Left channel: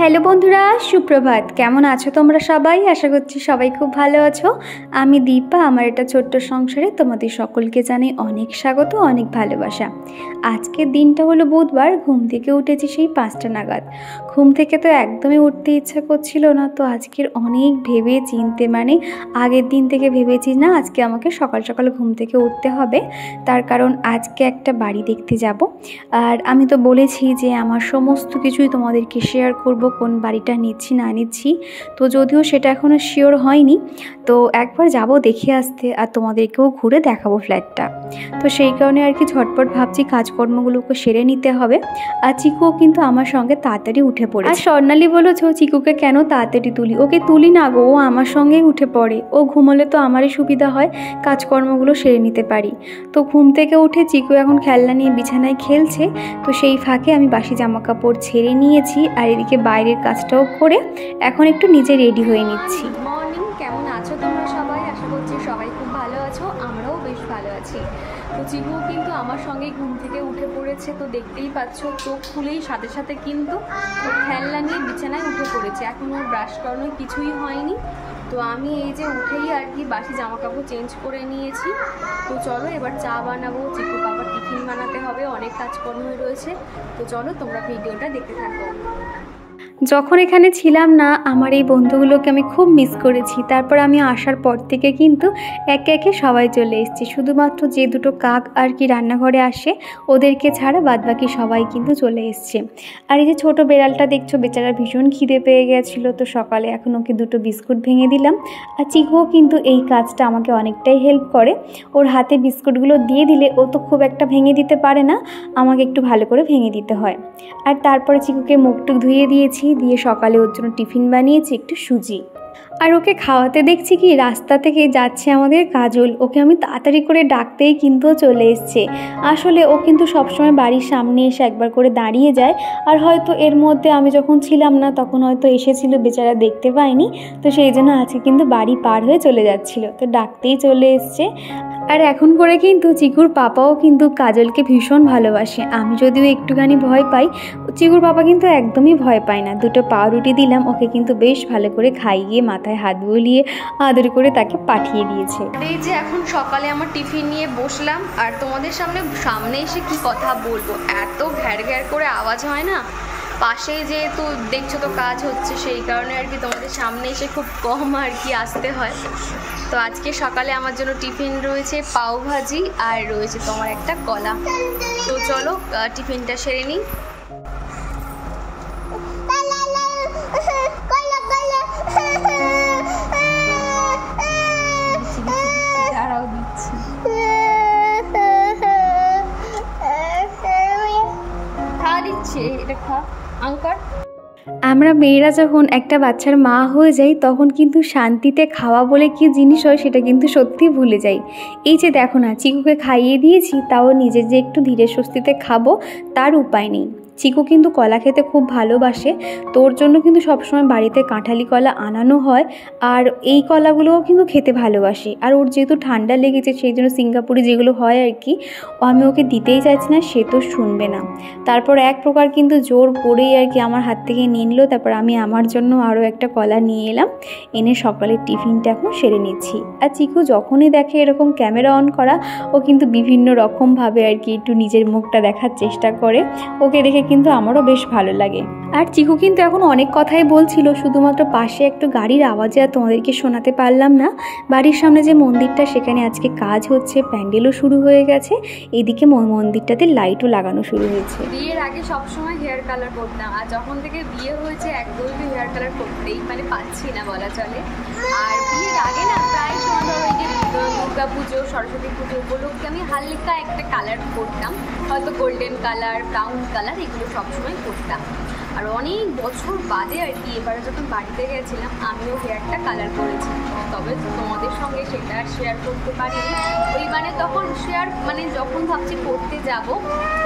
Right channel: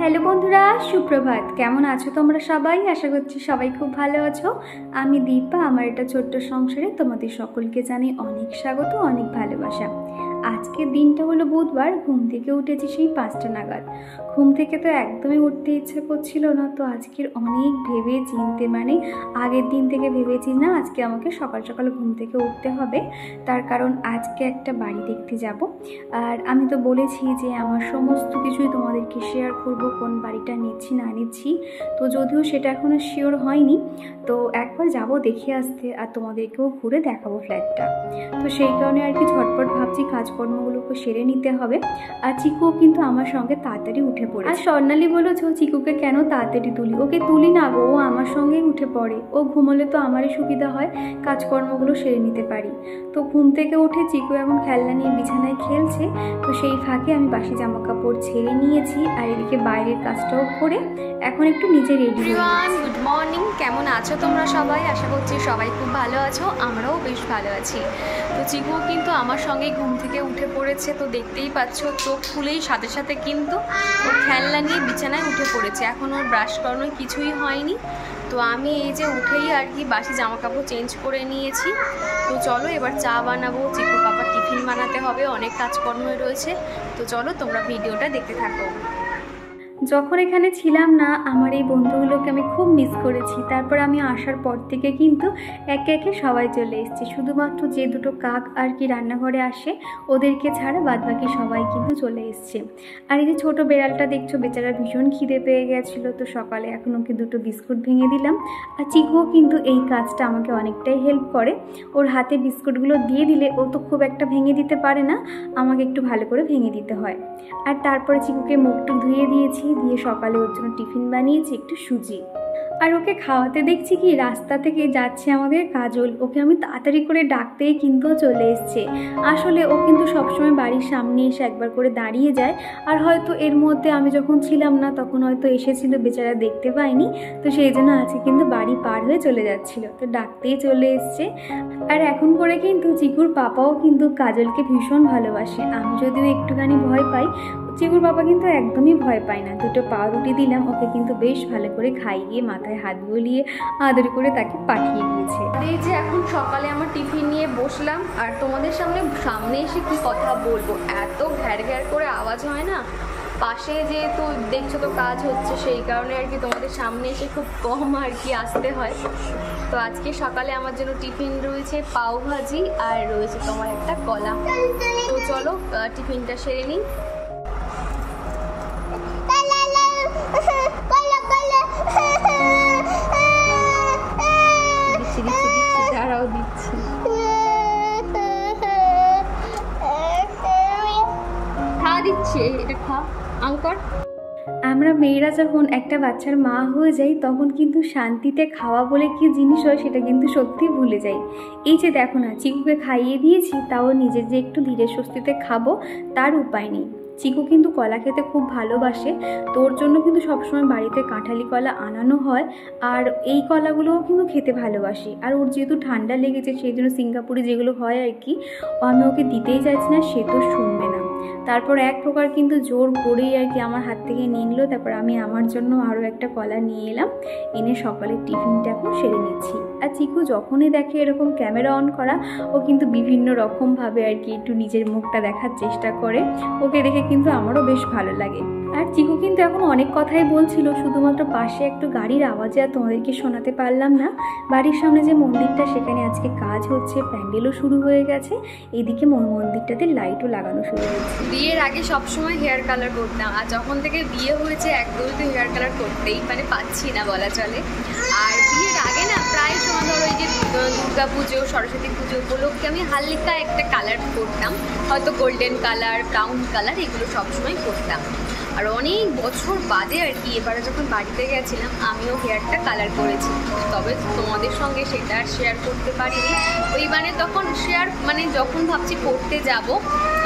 Hello বন্ধুরা, সুপ্রভাত। কেমন আছো তোমরা সবাই? আশা করছি সবাই খুব ভালো আছো। আমি দীপা। আমার এটা ছোট্ট সংসারে তোমাদের সকলকে জানাই অনেক স্বাগত, অনেক ভালোবাসা। আজকের দিনটা হলো বুধবার। ঘুম থেকে উঠেছি সেই 5টা নাগাদ। ঘুম থেকে তো একদমই উঠতে ইচ্ছা করছিল না। তো আজকের অনেক ভেবে চিনতে, আগের দিন থেকে ভেবেছি না আজকে আমাকে সকাল সকাল ঘুম থেকে উঠতে হবে। তার কারণ আজকে একটা বাড়ি দেখতে যাব। আর আমি তো বলেছি যে আমার সমস্ত কিছুই তোমাদেরকে শেয়ার করব, কোন বাড়িটা নিচ্ছি না নিচ্ছি। তো যদিও সেটা এখনও শিওর হয়নি, তো একবার যাব দেখে আসতে, আর তোমাদেরকেও ঘুরে দেখাবো ফ্ল্যাটটা। তো সেই কারণে আর কি ঝটপট ভাবছি কাজকর্মগুলোকে সেরে নিতে হবে। আর চিকুও কিন্তু আমার সঙ্গে তাড়াতাড়ি উঠে পড়ে। আর স্বর্ণালী বলেছ চিকুকে কেন তাড়াতাড়ি তুলি? ওকে তুলি না গো, ও আমার সঙ্গেই উঠে পড়ে। ও ঘুমোলে তো আমারই সুবিধা হয়, কাজকর্মগুলো সেরে নিতে পারি। তো ঘুম থেকে উঠে চিকু এখন খেলনা নিয়ে বিছানায় খেলছে। তো সেই ফাঁকে আমি বাসি জামা কাপড় ছেড়ে নিয়েছি, আর এদিকে বাইরের কাজটাও করে এখন একটু নিজে রেডি হয়ে নিচ্ছি। গুড মর্নিং, কেমন আছো তোমরা সবাই? আশা করছি সবাই খুব ভালো আছো, আমরাও বেশ ভালো আছি। তো চিকু কিন্তু আমার সঙ্গে ঘুম থেকে উঠে পড়েছে। তো দেখতেই পাচ্ছ, চোখ খুলেই সাথে সাথে কিন্তু ওর খেলনা নিয়ে বিছানায় উঠে পড়েছে। এখন ওর ব্রাশ করানোর কিছুই হয়নি। তো আমি এই যে উঠেই আর কি বাসি জামা কাপড় চেঞ্জ করে নিয়েছি। তো চলো এবার চা বানাবো, চিকু পাপার টিফিন বানাতে হবে, অনেক কাজকর্মই রয়েছে। তো চলো তোমরা ভিডিওটা দেখতে থাকো। যখন এখানে ছিলাম না, আমার এই বন্ধুগুলোকে আমি খুব মিস করেছি। তারপর আমি আসার পর থেকে কিন্তু একে একে সবাই চলে এসেছি। শুধুমাত্র যে দুটো কাক আর কি রান্নাঘরে আসে, ওদেরকে ছাড়া বাদবাকি সবাই কিন্তু চলে এসছে। আর এই যে ছোটো বেড়ালটা দেখছো, বেচারা ভীষণ খিদে পেয়ে গেছিলো। তো সকালে এখন ওকে দুটো বিস্কুট ভেঙে দিলাম। আর চিকুও কিন্তু এই কাজটা আমাকে অনেকটাই হেল্প করে। ওর হাতে বিস্কুটগুলো দিয়ে দিলে ও তো খুব একটা ভেঙে দিতে পারে না, আমাকে একটু ভালো করে ভেঙে দিতে হয়। আর তারপরে চিকুকে মুখটুক ধুয়ে দিয়েছি, দিয়ে সকালে ওর জন্য টিফিন বানিয়েছি একটু সুজি। আর ওকে খাওয়াতে দেখছি কি রাস্তা থেকে যাচ্ছে আমাদের কাজল। ওকে আমি তাড়াতাড়ি করে ডাকতেই কিন্তু চলে এসছে। আসলে ও কিন্তু সবসময় বাড়ির সামনে এসে একবার করে দাঁড়িয়ে যায়। আর হয়তো এর মধ্যে আমি যখন ছিলাম না তখন হয়তো এসেছিল, বেচারা দেখতে পায়নি। তো সেই জন্য আজকে কিন্তু বাড়ি পার হয়ে চলে যাচ্ছিল, তো ডাকতেই চলে এসছে। আর এখন করে কিন্তু চিকুর পাপাও কিন্তু কাজলকে ভীষণ ভালোবাসে। আমি যদিও একটুখানি ভয় পাই, চিকুর পাপা কিন্তু একদমই ভয় পায় না। দুটো পাউরুটি দিলাম, ওকে কিন্তু বেশ ভালো করে খাইয়ে মাথায় হাত বুলিয়ে আদর করে তাকে পাঠিয়ে দিয়েছে। এই যে এখন সকালে আমার টিফিন নিয়ে বসলাম, আর তোমাদের সামনে এসে কি কথা বলবো, এত ঘ্যার ঘ্যার করে আওয়াজ হয় না। পাশে যেহেতু দেখছো তো কাজ হচ্ছে, সেই কারণে আর কি তোমাদের সামনে এসে খুব কম আর কি আসতে হয়। তো আজকে সকালে আমার জন্য টিফিন রয়েছে পাও ভাজি, আর রয়েছে তোমার একটা কলা। তো চলো টিফিনটা সেরে নিই। দাঁড়াও দিচ্ছি। খাওয়া দিচ্ছে, এটা খা আঙ্কর। আমরা মেয়েরা যখন একটা বাচ্চার মা হয়ে যাই, তখন কিন্তু শান্তিতে খাওয়া বলে কি জিনিস হয় সেটা কিন্তু সত্যি ভুলে যাই। এই যে দেখো না, চিকুকে খাইয়ে দিয়েছি, তাও নিজে যে একটু ধীরে স্বস্তিতে খাবো তার উপায় নেই। চিকু কিন্তু কলা খেতে খুব ভালোবাসে, তোর জন্য কিন্তু সবসময় বাড়িতে কাঁঠালি কলা আনানো হয়। আর এই কলাগুলোও কিন্তু খেতে ভালোবাসি। আর ওর যেহেতু ঠান্ডা লেগেছে, সেই জন্য সিঙ্গাপুরে যেগুলো হয় আর কি, আমি ওকে দিতেই চাইছি না, সে তো শুনবে না। তারপর এক প্রকার কিন্তু জোর করেই আর কি আমার হাত থেকে নিয়ে নিল। তারপর আমি আমার জন্য আরও একটা কলা নিয়ে এলাম, এনে সকালের টিফিনটা এখন সেরে নিচ্ছি। আর চিকু যখনই দেখে এরকম ক্যামেরা অন করা, ও কিন্তু বিভিন্ন রকমভাবে আর কি একটু নিজের মুখটা দেখার চেষ্টা করে। ওকে দেখে কিন্তু আমারও বেশ ভালো লাগে। আর চিকু কিন্তু এখন অনেক কথাই বলছিল, শুধুমাত্র পাশে একটু গাড়ির আওয়াজে আর তোমাদেরকে শোনাতে পারলাম না। বাড়ির সামনে যে মন্দিরটা, সেখানে আজকে কাজ হচ্ছে, প্যান্ডেলও শুরু হয়ে গেছে। এদিকে মন্দিরটাতে লাইটও লাগানো শুরু হয়েছে। বিয়ের আগে সবসময় হেয়ার কালার করতাম, আর যখন থেকে বিয়ে হয়েছে একদমই তো হেয়ার কালার করতেই পাচ্ছি না বলা চলে। আর বিয়ের আগে না প্রায় সময় ধরো এই যে দুর্গা পুজো, সরস্বতী পুজো উপলক্ষে আমি হালকা একটা কালার করতাম, হয়তো গোল্ডেন কালার, ব্রাউন কালার, এগুলো সবসময় করতাম। আর অনেক বছর বাদে আর কি এবারে যখন বাড়িতে গেছিলাম, আমিও হেয়ারটা কালার করেছি। তবে তোমাদের সঙ্গে সেটা আর শেয়ার করতে পারিনি। ওই তখন যখন ভাবছি করতে যাব,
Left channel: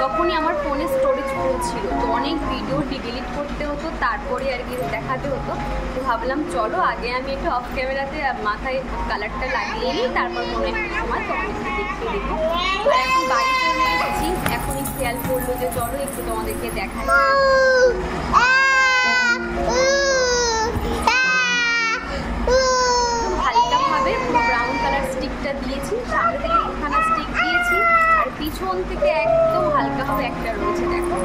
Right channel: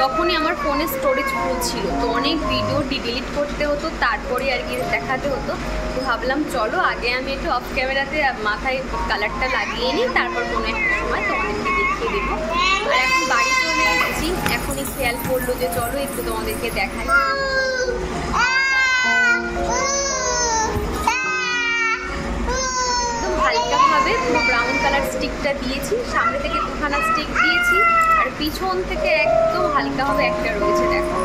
তখনই আমার ফোনে স্টোরেজ ফুল ছিল, তো অনেক ভিডিও ডিলিট করতে হতো, তারপরে আর কি দেখাতে হতো। তো ভাবলাম চলো আগে আমি একটু অফ ক্যামেরাতে মাথায় কালারটা লাগিয়ে নিই, তারপর কোনো একটা সময় তোমাদেরকে দেখিয়ে দেবো। আর এখন বাড়ি চলে এসেছি, এখনই খেয়াল করলো যে চলো একটু তোমাদেরকে দেখাই। স্টিকটা দিয়েছি, সামনে থেকে 2খানা স্টিক দিয়েছি, আর পিছন থেকে একদম হালকাভাবে একটা রয়েছে। দেখো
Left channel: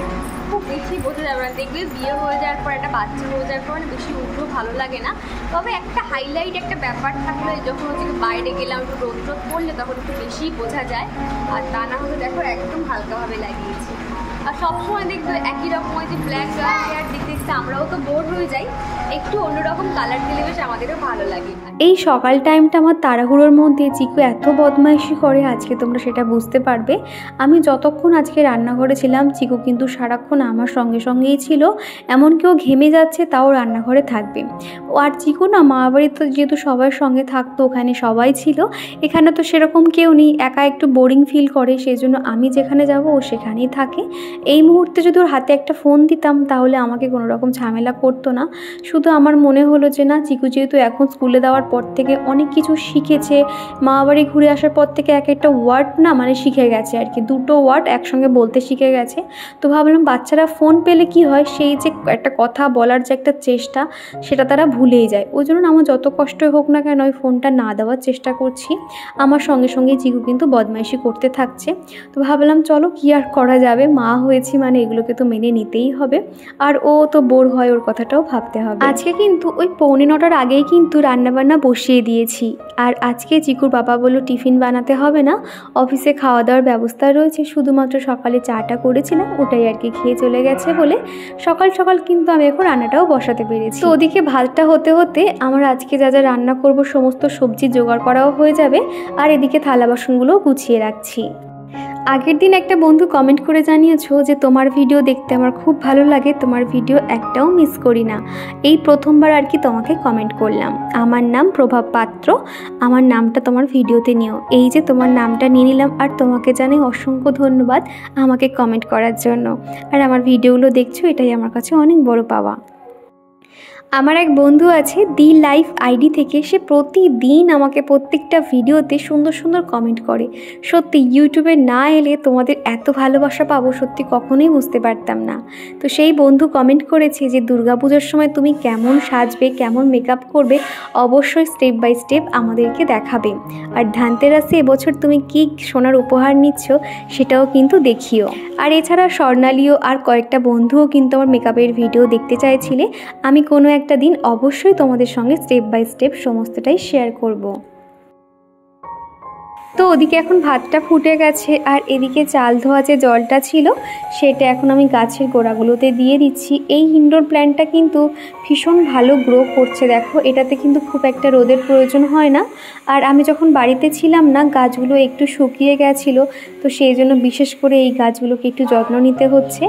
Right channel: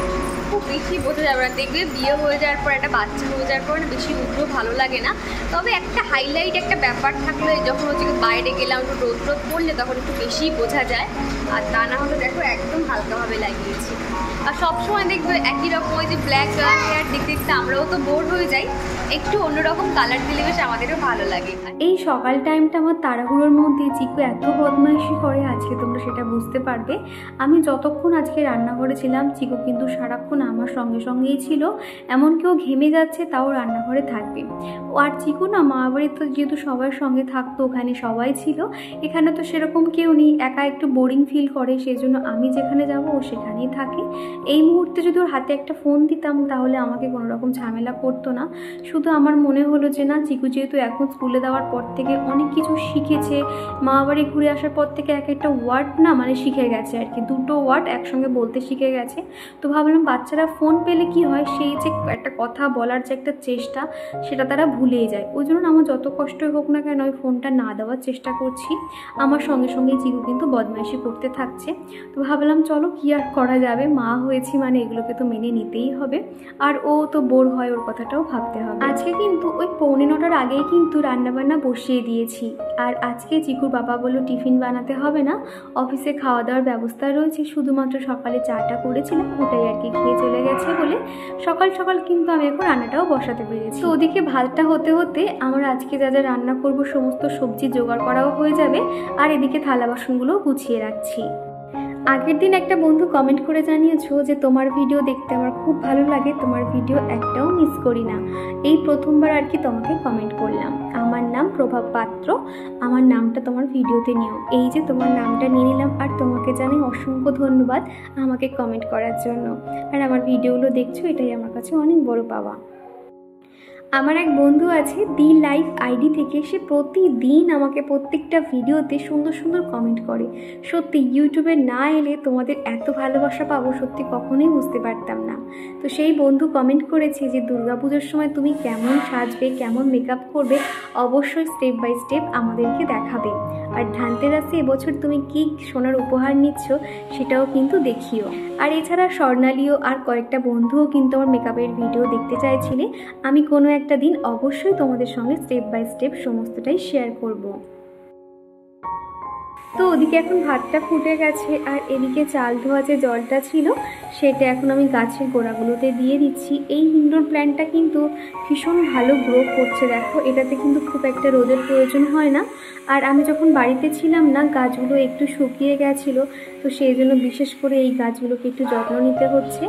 খুব বেশি বোঝা যাবে না, দেখবে বিয়ে হয়ে যাওয়ার পর একটা বাচ্চা হয়ে যাওয়ার পর বেশি উগ্র ভালো লাগে না, তবে একটা হাইলাইট একটা ব্যাপার থাকলে যখন হচ্ছে বাইরে গেলাম একটু রোদ রোদ পড়লে তখন একটু বেশি বোঝা যায়। আর তা না হলে দেখো একদম হালকাভাবে লাগিয়েছি। আর সবসময় দেখবে একই রকম ওই যে ব্ল্যাক হেয়ার দেখতে দেখতে আমরাও তো বোর হয়ে যাই, একটু অন্যরকম কালার দিলে বেশ আমাদেরও ভালো লাগে। এই সকাল টাইমটা আমার তাড়াহুড়োর মধ্যে চিকু এত বদমাইশি করে আজকে তোমরা সেটা বুঝতে পারবে। আমি যতক্ষণ আজকে রান্নাঘরে ছিলাম চিকু কিন্তু সারাক্ষণ আমার সঙ্গে সঙ্গেই ছিল, এমন কেউ ঘেমে যাচ্ছে তাও রান্নাঘরে থাকবে। ও আর চিকু না মা বাড়িতে তো যেহেতু সবার সঙ্গে থাকতো, ওখানে সবাই ছিল, এখানে তো সেরকম কেউ নেই, একা একটু বোরিং ফিল করে, সেই জন্য আমি যেখানে যাব ও সেখানেই থাকে। এই মুহূর্তে যদি ওর হাতে একটা ফোন দিতাম তাহলে আমাকে কোনো রকম ঝামেলা করতো না। শুধু আমার মনে হলো যে না, চিকু যেহেতু এখন স্কুলে দেওয়ার পর থেকে অনেক কিছু শিখেছে, মা বাড়ি ঘুরে আসার পর থেকে এক একটা ওয়ার্ড না মানে শিখে গেছে আর কি, 2টো ওয়ার্ড একসঙ্গে বলতে শিখে গেছে। তো ভাবলাম বাচ্চারা ফোন পেলে কি হয়, সেই যে একটা কথা বলার যে একটা চেষ্টা সেটা তারা ভুলেই যায়। ওই জন্য আমার যত কষ্টই হোক না কেন ওই ফোনটা না দেওয়ার চেষ্টা করছি। আমার সঙ্গে সঙ্গে চিকু কিন্তু বদমাইশি করতে থাকছে। তো ভাবলাম চলো কি আর করা যাবে, মা হয়েছি মানে এগুলোকে তো মেনে নিতেই হবে, আর ও তো বোর হয় ওর কথাটাও ভাবতে হবে। আজকে কিন্তু ওই 8:45 আগেই কিন্তু রান্নাবান্না বসিয়ে দিয়েছি। আর আজকে চিকুর বাবা বললো টিফিন বানাতে হবে না, অফিসে খাওয়া দাওয়ার ব্যবস্থা রয়েছে, শুধুমাত্র সকালে চাটা করেছিলাম ওটাই আর কি খেয়ে চলে গেছে বলে সকাল সকাল কিন্তু আমি এখন রান্নাটাও বসাতে পেরেছি। তো ওদিকে ভাতটা হতে হতে আমার আজকে যা যা রান্না করব সমস্ত সবজি জোগাড় করাও হয়ে যাবে, আর এদিকে থালা বাসনগুলোও গুছিয়ে রাখছি। আগের দিন একটা বন্ধু কমেন্ট করে জানিয়েছো যে তোমার ভিডিও দেখতে আমার খুব ভালো লাগে, তোমার ভিডিও একটাও মিস করি না। এই প্রথমবার আর কি তোমাকে কমেন্ট করলাম। আমার নাম প্রভাব পাত্র, আমার নামটা তোমার ভিডিওতে নিও। এই যে তোমার নামটা নিয়ে নিলাম, আর তোমাকে জানাই অসংখ্য ধন্যবাদ আমাকে কমেন্ট করার জন্য। আর আমার ভিডিওগুলো দেখছো, এটাই আমার কাছে অনেক বড় পাওয়া। আমার এক বন্ধু আছে দি লাইফ আইডি থেকে, সে প্রতিদিন আমাকে প্রত্যেকটা ভিডিওতে সুন্দর সুন্দর কমেন্ট করে। সত্যি ইউটিউবে না এলে তোমাদের এত ভালোবাসা পাবো সত্যি কখনোই বুঝতে পারতাম না। তো সেই বন্ধু কমেন্ট করেছে যে দুর্গাপুজোর সময় তুমি কেমন সাজবে, কেমন মেকআপ করবে, অবশ্যই স্টেপ বাই স্টেপ আমাদেরকে দেখাবে। আর ধানতেরাসে এবছর তুমি কি সোনার উপহার নিচ্ছ সেটাও কিন্তু দেখিও। আর এছাড়া স্বর্ণালীও আর কয়েকটা বন্ধুও কিন্তু আমার মেকআপের ভিডিও দেখতে চাইছিলে। আমি কোনো একটা দিন অবশ্যই তোমাদের সঙ্গে স্টেপ বাই স্টেপ সমস্তটাই শেয়ার করব। তো ওদিকে এখন ভাতটা ফুটে গেছে, আর এদিকে চাল ধোয়া যে জলটা ছিল সেটা এখন আমি গাছের গোড়াগুলোতে দিয়ে দিচ্ছি। এই ইনডোর প্ল্যান্টটা কিন্তু ভীষণ ভালো গ্রো করছে, দেখো এটাতে কিন্তু খুব একটা রোদের প্রয়োজন হয় না। আর আমি যখন বাড়িতে ছিলাম না গাছগুলো একটু শুকিয়ে গেছিলো, তো সেই জন্য বিশেষ করে এই গাছগুলোকে একটু যত্ন নিতে হচ্ছে।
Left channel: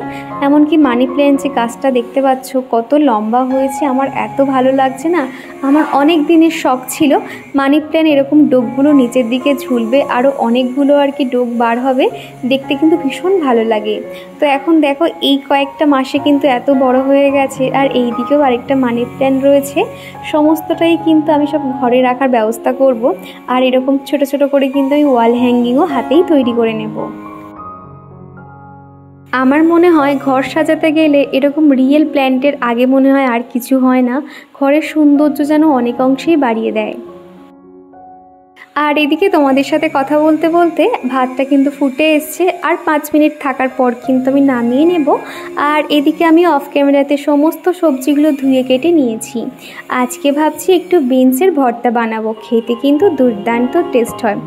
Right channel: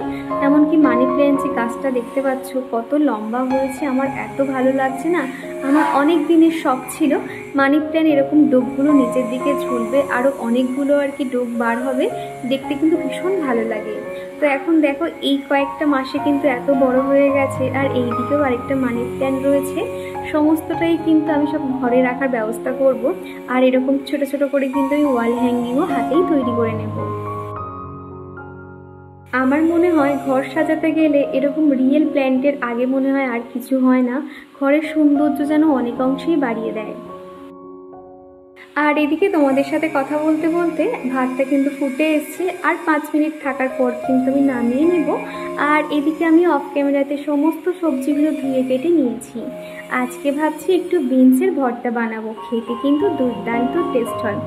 এমনকি মানি প্ল্যান্ট যে গাছটা দেখতে পাচ্ছ কত লম্বা হয়েছে, আমার এত ভালো লাগছে না। আমার অনেক দিনের শখ ছিল মানি প্ল্যান্ট এরকম ডোকগুলো নিচের দিকে ঝুলবে, আরও অনেকগুলো আর কি ডোক বার হবে, দেখতে কিন্তু ভীষণ ভালো লাগে। তো এখন দেখো এই কয়েকটা মাসে কিন্তু এত বড় হয়ে গেছে, আর এই দিকেও আরেকটা মানি প্ল্যান্ট রয়েছে। সমস্তটাই কিন্তু আমি সব ঘরে রাখার ব্যবস্থা করব, আর এরকম ছোট ছোট করে কিন্তু আমি ওয়াল হ্যাঙ্গিংও হাতেই তৈরি করে নেব। আমার মনে হয় ঘর সাজাতে গেলে এরকম রিয়েল প্ল্যান্টের আগে মনে হয় আর কিছু হয় না, ঘরের সৌন্দর্য যেন অনেক অংশেই বাড়িয়ে দেয়। আর এদিকে তোমাদের সাথে কথা বলতে বলতে ভাতটা কিন্তু ফুটে এসছে, আর 5 মিনিট থাকার পর কিন্তু আমি নামিয়ে নেব। আর এদিকে আমি অফ ক্যামেরাতে সমস্ত সবজিগুলো ধুয়ে কেটে নিয়েছি। আজকে ভাবছি একটু বিনসের ভর্তা বানাবো, খেতে কিন্তু দুর্দান্ত টেস্ট হয়।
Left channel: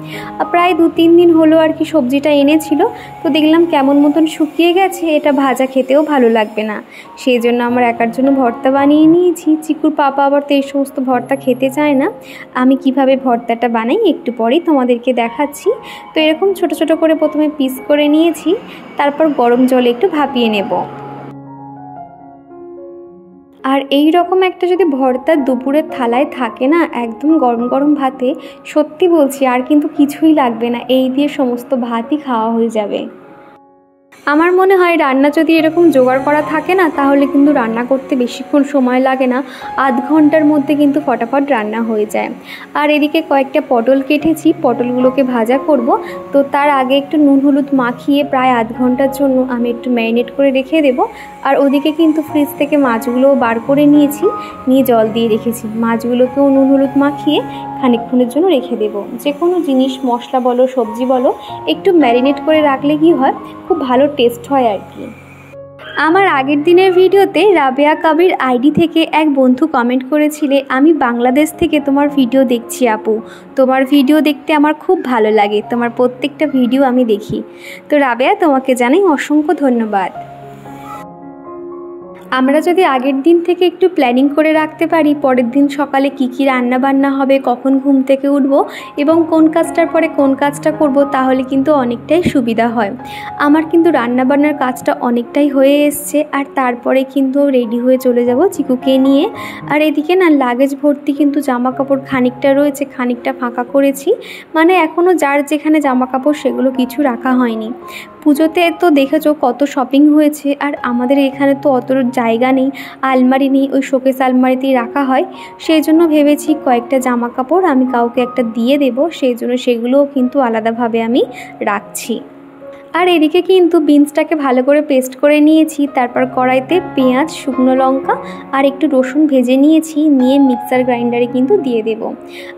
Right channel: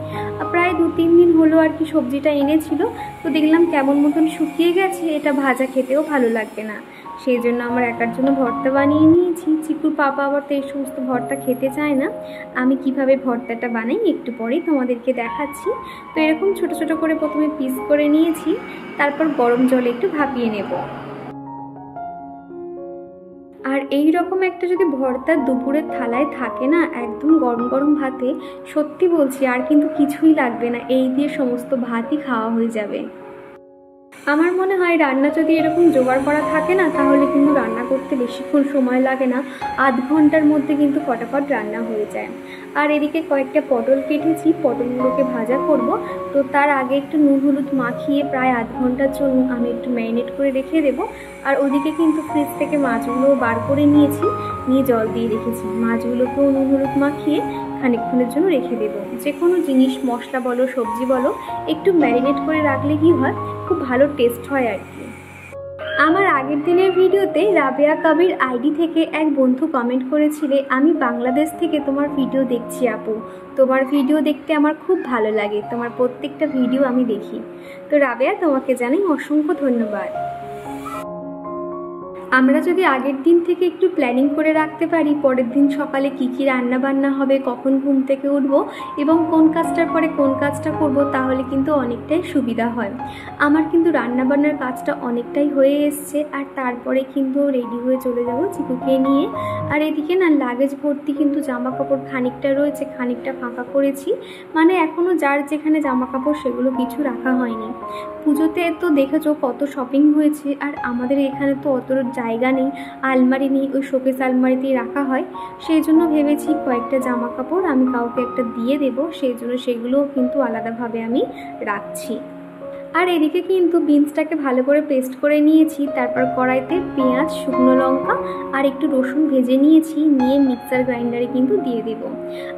প্রায় 2-3 দিন হলো আর কি সবজিটা এনেছিল, তো দেখলাম কেমন মতন শুকিয়ে গেছে, এটা ভাজা খেতেও ভালো লাগবে না, সেই জন্য আমার একার জন্য ভর্তা বানিয়ে নিয়েছি। চিকুর পাপা আবার তো এই সমস্ত ভর্তা খেতে চায় না। আমি কিভাবে ভর্তাটা বানাই একটু পরেই তোমাদেরকে দেখাচ্ছি। তো এরকম ছোট ছোট করে প্রথমে পিস করে নিয়েছি, তারপর গরম জলে একটু ভাপিয়ে নেব। আর এই রকম একটা যদি ভর্তা দুপুরের থালায় থাকে না, একদম গরম গরম ভাতে, সত্যি বলছি আর কিন্তু কিছুই লাগবে না, এই দিয়ে সমস্ত ভাতই খাওয়া হয়ে যাবে। আমার মনে হয় রান্না যদি এরকম জোগাড় করা থাকে না, তাহলে কিন্তু রান্না করতে বেশিক্ষণ সময় লাগে না, আধ ঘন্টার মধ্যে কিন্তু ফটাফট রান্না হয়ে যায়। আর এদিকে কয়েকটা পটল কেটেছি, পটলগুলোকে ভাজা করব। তো তার আগে একটু নুন হলুদ মাখিয়ে প্রায় আধ ঘন্টার জন্য আমি একটু ম্যারিনেট করে রেখে দেব। আর ওদিকে কিন্তু ফ্রিজ থেকে মাছগুলোও বার করে নিয়েছি, নিয়ে জল দিয়ে রেখেছি। মাছগুলোকেও নুন হলুদ মাখিয়ে খানিকক্ষণের জন্য রেখে দেব। যে কোনো জিনিস, মশলা বলো সবজি বলো, একটু ম্যারিনেট করে রাখলে কি হয়, খুব ভালো টেস্ট হয় আর কি। আমার আগের দিনের ভিডিওতে রাবেয়া কাবির আইডি থেকে এক বন্ধু কমেন্ট করেছিলে, আমি বাংলাদেশ থেকে তোমার ভিডিও দেখছি আপু, তোমার ভিডিও দেখতে আমার খুব ভালো লাগে, তোমার প্রত্যেকটা ভিডিও আমি দেখি। তো রাবেয়া, তোমাকে জানাই অসংখ্য ধন্যবাদ। আমরা যদি আগের দিন থেকে একটু প্ল্যানিং করে রাখতে পারি পরের দিন সকালে কি কি রান্না বান্না হবে, কখন ঘুম থেকে উঠবো এবং কোন কাজটার পরে কোন কাজটা করব, তাহলে কিন্তু অনেকটাই সুবিধা হয়। আমার কিন্তু রান্না বান্নার কাজটা অনেকটাই হয়ে এসছে, আর তারপরে কিন্তু রেডি হয়ে চলে যাব চিকুকে নিয়ে। আর এদিকে না লাগেজ ভর্তি কিন্তু জামা কাপড় খানিকটা রয়েছে, খানিকটা ফাঁকা করেছি, মানে এখনও যার যেখানে জামা কাপড় সেগুলো কিছু রাখা হয়নি। পুজোতে তো দেখেছো কত শপিং হয়েছে, আর আমাদের এখানে তো অত জায়গা নেই, আলমারি নেই, ওই শোকেস আলমারিতেই রাখা হয়। সেই জন্য ভেবেছি কয়েকটা জামা কাপড় আমি কাউকে একটা দিয়ে দেবো, সেই জন্য সেগুলোও কিন্তু আলাদাভাবে আমি রাখছি। আর এদিকে কিন্তু বিনসটাকে ভালো করে পেস্ট করে নিয়েছি, তারপর কড়াইতে পেঁয়াজ, শুকনো লঙ্কা আর একটু রসুন ভেজে নিয়েছি, নিয়ে মিক্সার গ্রাইন্ডারে কিন্তু দিয়ে দেব।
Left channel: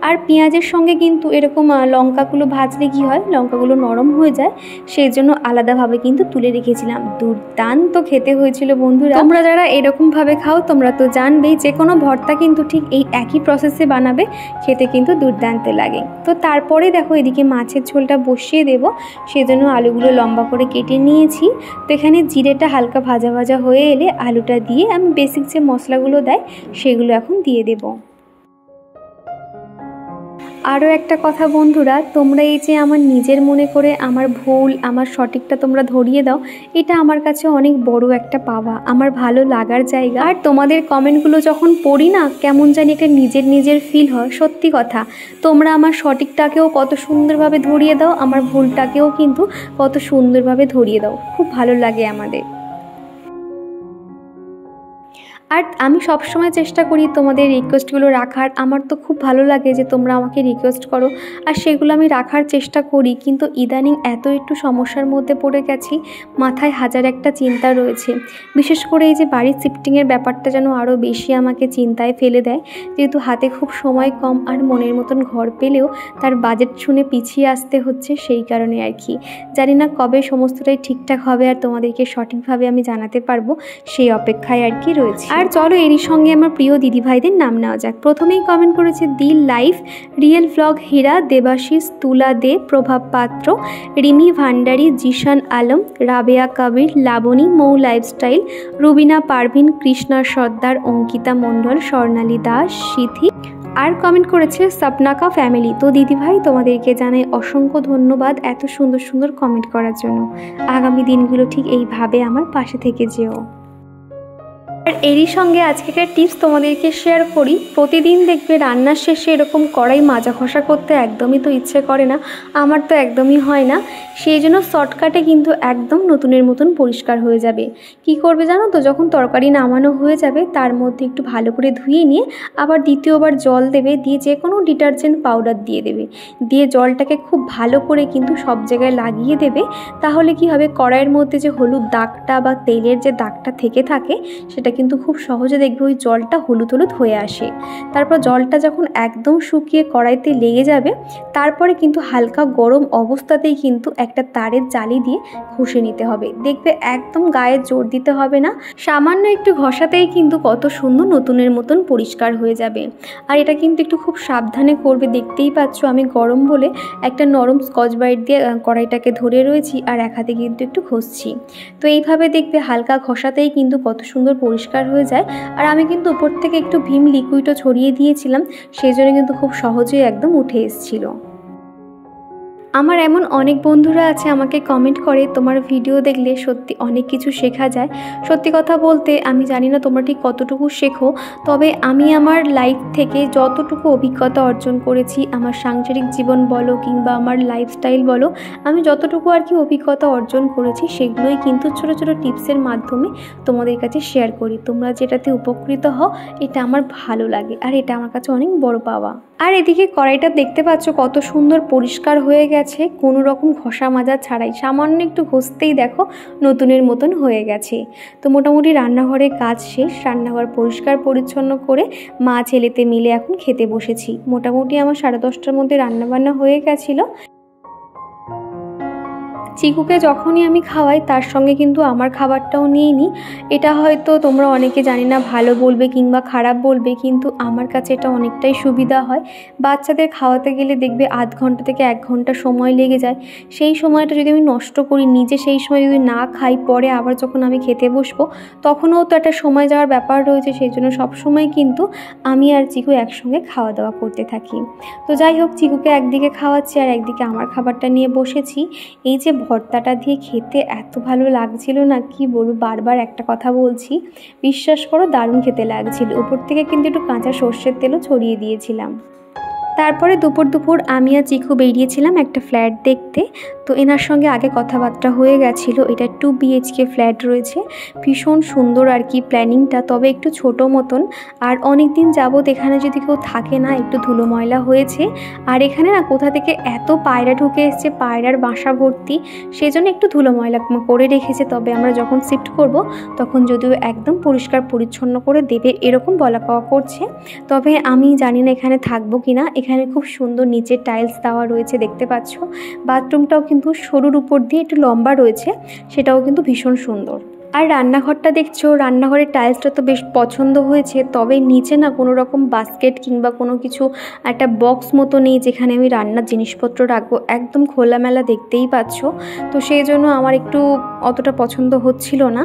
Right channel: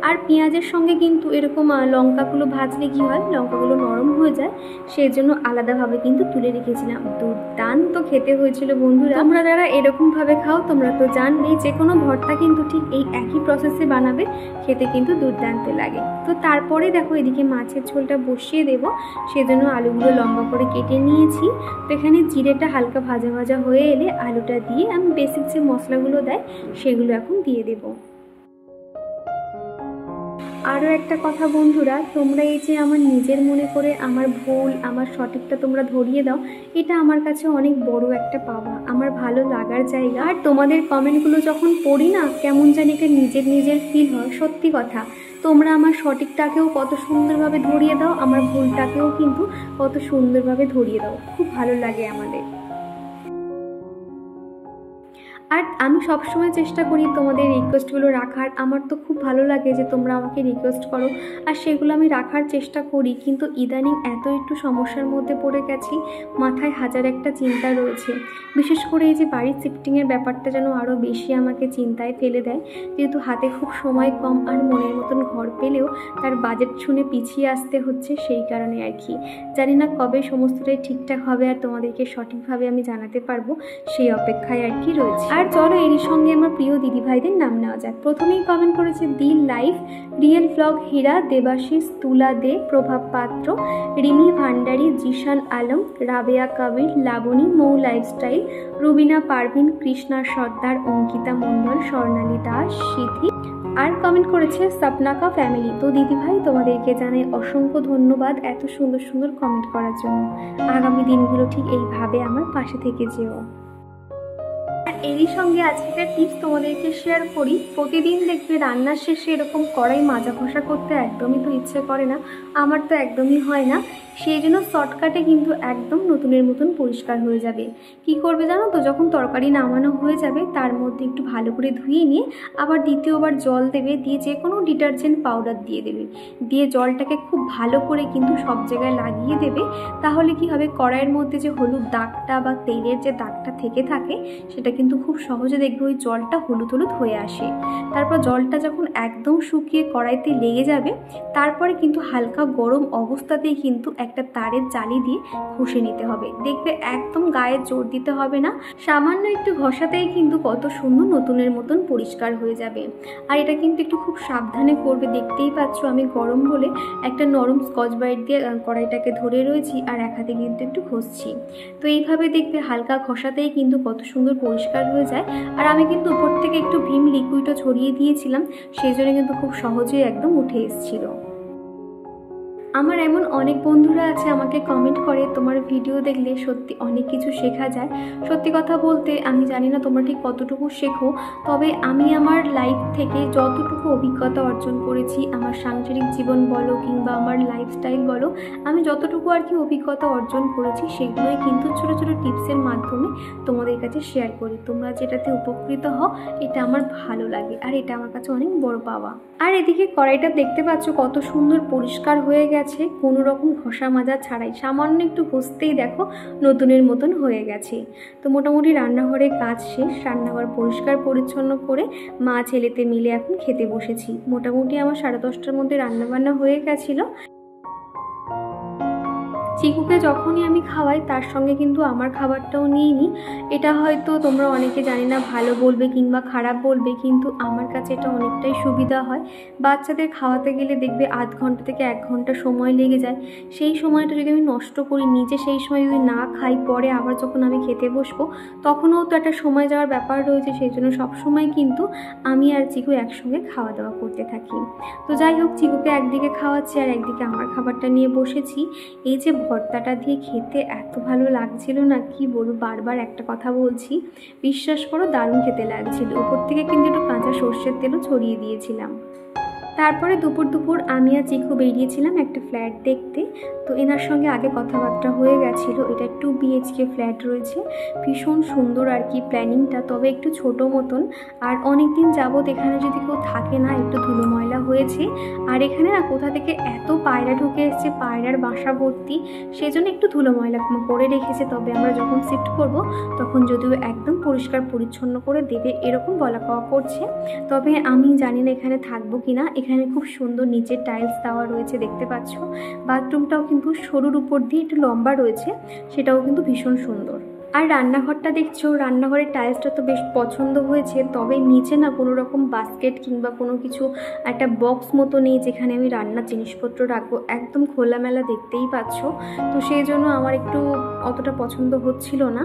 আর পেঁয়াজের সঙ্গে কিন্তু এরকম লঙ্কাগুলো ভাজলে কি হয়, লঙ্কাগুলো নরম হয়ে যায়, সেই জন্য আলাদাভাবে কিন্তু তুলে রেখেছিলাম। দুর্দান্ত খেতে হয়েছিল বন্ধুরা। তোমরা যারা এরকমভাবে খাও তোমরা তো জানবেই, যে কোনো ভর্তা কিন্তু ঠিক এই একই প্রসেসে বানাবে, খেতে কিন্তু দুর্দান্ত লাগে। তো তারপরে দেখো এদিকে মাছের ঝোলটা বসিয়ে দেবো, সেজন্য আলুগুলো লম্বা করে কেটে নিয়েছি। তো এখানে জিরেটা হালকা ভাজা ভাজা হয়ে এলে আলুটা দিয়ে আমি বেসিক যে মশলাগুলো দেয় সেগুলো এখন দিয়ে দেব। আরও একটা কথা বন্ধুরা, তোমরা এই যে আমার নিজের মনে করে আমার ভুল, আমার সঠিকটা তোমরা ধরিয়ে দাও, এটা আমার কাছে অনেক বড় একটা পাওয়া, আমার ভালো লাগার জায়গা। আর তোমাদের কমেন্টগুলো যখন পড়ি না, কেমন জানি একটা নিজের ফিল হয়। সত্যি কথা, তোমরা আমার সঠিকটাকেও কত সুন্দরভাবে ধরিয়ে দাও, আমার ভুলটাকেও কিন্তু কত সুন্দরভাবে ধরিয়ে দাও, খুব ভালো লাগে আমাদের। আর আমি সবসময় চেষ্টা করি তোমাদের রিকোয়েস্টগুলো রাখার। আমার তো খুব ভালো লাগে যে তোমরা আমাকে রিকোয়েস্ট করো, আর সেগুলো আমি রাখার চেষ্টা করি। কিন্তু ইদানিং এত একটু সমস্যার মধ্যে পড়ে গেছি, মাথায় হাজার একটা চিন্তা রয়েছে। বিশেষ করে এই যে বাড়ির শিফটিংয়ের ব্যাপারটা যেন আরও বেশি আমাকে চিন্তায় ফেলে দেয়, যেহেতু হাতে খুব সময় কম, আর মনের মতন ঘর পেলেও তার বাজেট শুনে পিছিয়ে আসতে হচ্ছে, সেই কারণে আর কি। জানি না কবে সমস্তটাই ঠিকঠাক হবে আর তোমাদেরকে সঠিকভাবে আমি জানাতে পারবো, সেই অপেক্ষায় আর কি রয়েছে। আর চলো এরই সঙ্গে আমার প্রিয় দিদিভাইদের নাম নেওয়া যাক। প্রথমেই কমেন্ট করেছে দিল লাইফ, রিয়েল ব্লগ, হীরা, দেবাশিস, তুলা দে, প্রভাব পাত্র, রিমি ভান্ডারী, জিশান আলম, রাবেয়া কাবির, লাবণী, মৌ লাইফস্টাইল, রুবিনা পারভিন, কৃষ্ণা সর্দার, অঙ্কিতা মণ্ডল, স্বর্ণালী দাস, সিথি। আর কমেন্ট করেছে সপনাকা ফ্যামিলি। তো দিদিভাই তোমাদেরকে জানাই অসংখ্য ধন্যবাদ এত সুন্দর সুন্দর কমেন্ট করার জন্য। আগামী দিনগুলো ঠিক এইভাবে আমার পাশে থেকে যেও। আর এরই সঙ্গে আজকেকার টিপস তোমাদেরকে শেয়ার করি। প্রতিদিন দেখবে রান্নার শেষে এরকম কড়াই মাজা ঘষা করতে একদমই তো ইচ্ছে করে না, আমার তো একদমই হয় না। সেই জন্য শর্টকাটে কিন্তু একদম নতুনের মতন পরিষ্কার হয়ে যাবে। কি করবে জানো তো, যখন তরকারি নামানো হয়ে যাবে তার মধ্যে একটু ভালো করে ধুয়ে নিয়ে আবার দ্বিতীয়বার জল দেবে, দিয়ে যে কোনো ডিটারজেন্ট পাউডার দিয়ে দেবে, দিয়ে জলটাকে খুব ভালো করে কিন্তু সব জায়গায় লাগিয়ে দেবে। তাহলে কি হবে, কড়াইয়ের মধ্যে যে হলুদ দাগটা বা তেলের যে দাগটা থেকে থাকে সেটা কিন্তু খুব সহজে দেখবে ওই জলটা হলুদ হলুদ হয়ে আসে। তারপর জলটা যখন একদম শুকিয়ে কড়াইতে লেগে যাবে, তারপরে কিন্তু হালকা গরম অবস্থাতেই কিন্তু একটা তারের জালি দিয়ে ঘষে নিতে হবে। দেখবে একদম গায়ে জোর দিতে হবে না, সামান্য একটু ঘষাতেই কিন্তু কত সুন্দর নতুনের মতন পরিষ্কার হয়ে যাবে। আর এটা কিন্তু একটু খুব সাবধানে করবে। দেখতেই পাচ্ছ আমি গরম বলে একটা নরম স্কচ ব্রাইট দিয়ে কড়াইটাকে ধরে রয়েছি, আর এক হাতে কিন্তু একটু ঘষছি। তো এইভাবে দেখবে হালকা ঘষাতেই কিন্তু কত সুন্দর পরিষ্কার হয়ে যায়। আর আমি কিন্তু উপর থেকে একটু ভিম লিকুইডও ছড়িয়ে দিয়েছিলাম, সেই জন্য কিন্তু খুব সহজেই একদম উঠে এসেছিল। আমার এমন অনেক বন্ধুরা আছে আমাকে কমেন্ট করে তোমার ভিডিও দেখলে সত্যি অনেক কিছু শেখা যায়। সত্যি কথা বলতে আমি জানি না তোমরা ঠিক কতটুকু শেখো, তবে আমি আমার লাইফ থেকে যতটুকু অভিজ্ঞতা অর্জন করেছি, আমার সাংসারিক জীবন বলো কিংবা আমার লাইফস্টাইল বলো, আমি যতটুকু আর কি অভিজ্ঞতা অর্জন করেছি সেগুলোই কিন্তু ছোটো ছোটো টিপসের মাধ্যমে তোমাদের কাছে শেয়ার করি। তোমরা যেটাতে উপকৃত হও এটা আমার ভালো লাগে, আর এটা আমার কাছে অনেক বড় পাওয়া। আর এদিকে কড়াইটা দেখতে পাচ্ছ কত সুন্দর পরিষ্কার হয়ে গেছে, কোনো রকম ঘষা মাজা ছাড়াই, সামান্য একটু ঘষতেই দেখো নতুনের মতন হয়ে গেছে। তো মোটামুটি রান্নাঘরের কাজ শেষ, রান্নাঘর পরিষ্কার পরিচ্ছন্ন করে মা ছেলেতে মিলে এখন খেতে বসেছি। মোটামুটি আমার 10:30টার মধ্যে রান্নাবান্না হয়ে গেছিলো। চিকুকে যখনই আমি খাওয়াই তার সঙ্গে কিন্তু আমার খাবারটাও নিয়ে নিই। এটা হয়তো তোমরা অনেকে জানি না ভালো বলবে কিংবা খারাপ বলবে, কিন্তু আমার কাছে এটা অনেকটাই সুবিধা হয়। বাচ্চাদের খাওয়াতে গেলে দেখবে আধ ঘন্টা থেকে 1 ঘন্টা সময় লেগে যায়। সেই সময়টা যদি আমি নষ্ট করি, নিজে সেই সময় যদি না খাই, পরে আবার যখন আমি খেতে বসবো তখনও তো একটা সময় যাওয়ার ব্যাপার রয়েছে। সেই জন্য সবসময় কিন্তু আমি আর চিকু একসঙ্গে খাওয়া দাওয়া করতে থাকি। তো যাই হোক, চিকুকে একদিকে খাওয়াচ্ছি আর একদিকে আমার খাবারটা নিয়ে বসেছি। এই যে ভর্তাটা দিয়ে খেতে এত ভালো লাগছিল না, কি বলবো, বারবার একটা কথা বলছি, বিশ্বাস করো দারুণ খেতে লাগছিল। উপর থেকে কিন্তু একটু কাঁচা সর্ষের তেলও ছড়িয়ে দিয়েছিলাম। তারপরে দুপুর আমি আর চিকু বেরিয়েছিলাম একটা ফ্ল্যাট দেখতে। তো এনার সঙ্গে আগে কথাবার্তা হয়ে গেছিলো। এটা 2 BHK ফ্ল্যাট রয়েছে, ভীষণ সুন্দর আর কি প্ল্যানিংটা, তবে একটু ছোট মতন। আর অনেক দিন যাবত এখানে যদি কেউ থাকে না, একটু ধুলো ময়লা হয়েছে। আর এখানে না কোথা থেকে এত পায়রা ঢুকে এসছে, পায়রার বাসা ভর্তি, সেজন্য একটু ধুলো ময়লা করে রেখেছে। তবে আমরা যখন শিফট করব তখন যদিও একদম পরিষ্কার পরিচ্ছন্ন করে দেবে এরকম বলা কওয়া করছে। তবে আমি জানি না এখানে থাকবো কিনা। এখানে খুব সুন্দর নিচে টাইলস দেওয়া রয়েছে দেখতে পাচ্ছ। বাথরুমটাও কিন্তু সরুর উপর দিয়ে একটু লম্বা রয়েছে, সেটাও কিন্তু ভীষণ সুন্দর। আর রান্নাঘরটা দেখছো, রান্নাঘরের টাইলসটা তো বেশ পছন্দ হয়েছে, তবে নিচে না কোনো রকম বাস্কেট কিংবা কোনো কিছু একটা বক্স মতো নেই যেখানে আমি রান্নার জিনিসপত্র রাখবো, একদম খোলামেলা দেখতেই পাচ্ছ। তো সেই জন্য আমার একটু অতটা পছন্দ হচ্ছিল না।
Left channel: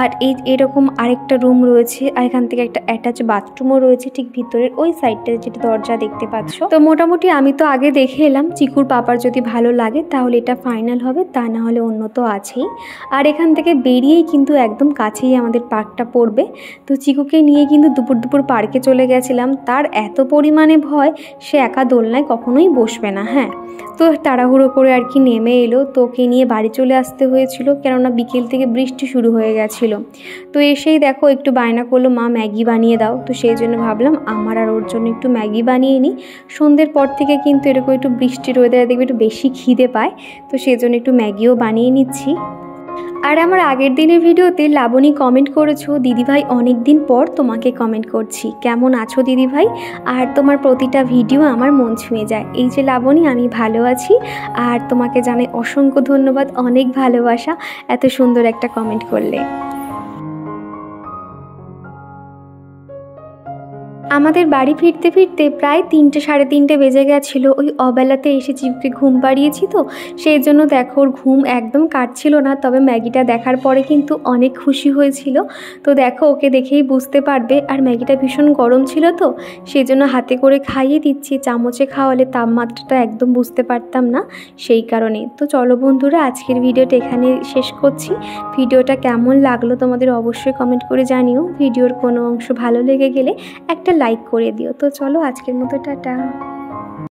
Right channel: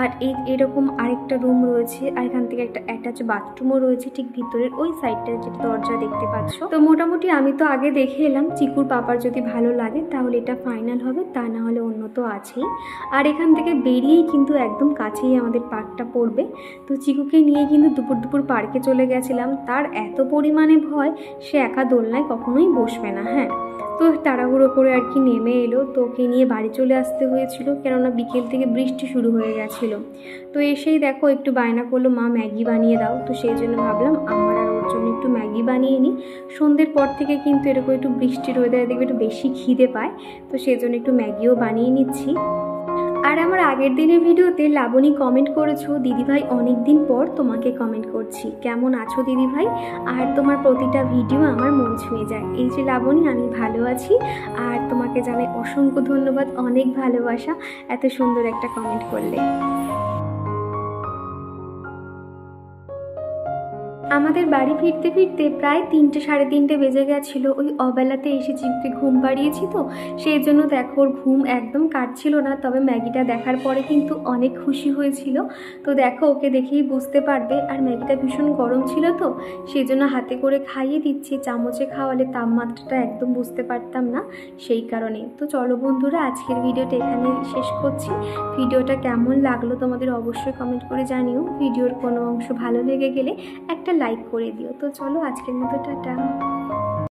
আর এরকম আরেকটা রুম রয়েছে, আর এখান থেকে একটা অ্যাটাচ বাথরুমও রয়েছে ঠিক ভিতরের ওই সাইডটা, যেটা দরজা দেখতে পাচ্ছ। তো মোটামুটি আমি তো আগে দেখে এলাম, চিকুর পাপার যদি ভালো লাগে তাহলে এটা ফাইনাল হবে, তা না হলে অন্য তো আছেই। আর এখান থেকে বেরিয়েই কিন্তু একদম কাছেই আমাদের পার্কটা পড়বে। তো চিকুকে নিয়ে কিন্তু দুপুর পার্কে চলে গেছিলাম। তার এত পরিমাণে ভয়, সে একা দোলনায় কখনোই বসবে না। হ্যাঁ, তো তাড়াহুড়ো করে আর কি নেমে এলো। তো ওকে নিয়ে বাড়ি চলে আসতে হয়েছিল, কেননা বিকেল থেকে বৃষ্টি শুরু হয়ে গেছিলো। তো এসেই দেখো একটু বায়না করলো, মা ম্যাগি বানিয়ে দাও। তো সেই জন্য ভাবলাম আমার আর ওর জন্য একটু ম্যাগি বানিয়ে নিই। সন্ধ্যের পর থেকে কিন্তু এরকম একটু বৃষ্টির ওয়েদারে দেখবে একটু বেশি খিদে পায়, তো সেই জন্য একটু ম্যাগিও বানিয়ে নিচ্ছি। আর আমার আগের দিনের ভিডিওতে লাবণী কমেন্ট করেছো, দিদিভাই অনেক দিন পর তোমাকে কমেন্ট করছি, কেমন আছো দিদিভাই? আর তোমার প্রতিটা ভিডিও আমার মন ছুঁয়ে যায়। এই যে লাবণী, আমি ভালো আছি। আর তোমাকে জানাই অসংখ্য ধন্যবাদ, অনেক ভালোবাসা, এত সুন্দর একটা কমেন্ট করলে। আমাদের বাড়ি ফিরতে ফিরতে প্রায় 3টে সাড়ে 3টে বেজে গেছিলো। ওই অবেলাতে এসে চিকুকে ঘুম পাড়িয়েছি, তো সেই জন্য দেখো ওর ঘুম একদম কাটছিল না। তবে ম্যাগিটা দেখার পরে কিন্তু অনেক খুশি হয়েছিল। তো দেখো ওকে দেখেই বুঝতে পারবে। আর ম্যাগিটা ভীষণ গরম ছিল, তো সেই জন্য হাতে করে খাইয়ে দিচ্ছি। চামচে খাওয়ালে তাপমাত্রাটা একদম বুঝতে পারতাম না, সেই কারণে। তো চলো বন্ধুরা, আজকের ভিডিওটা এখানে শেষ করছি। ভিডিওটা কেমন লাগলো তোমাদের অবশ্যই কমেন্ট করে জানিও। ভিডিওর কোনো অংশ ভালো লেগে গেলে একটা লাইক করে দিও। তো চলো আজকের মতো টাটা।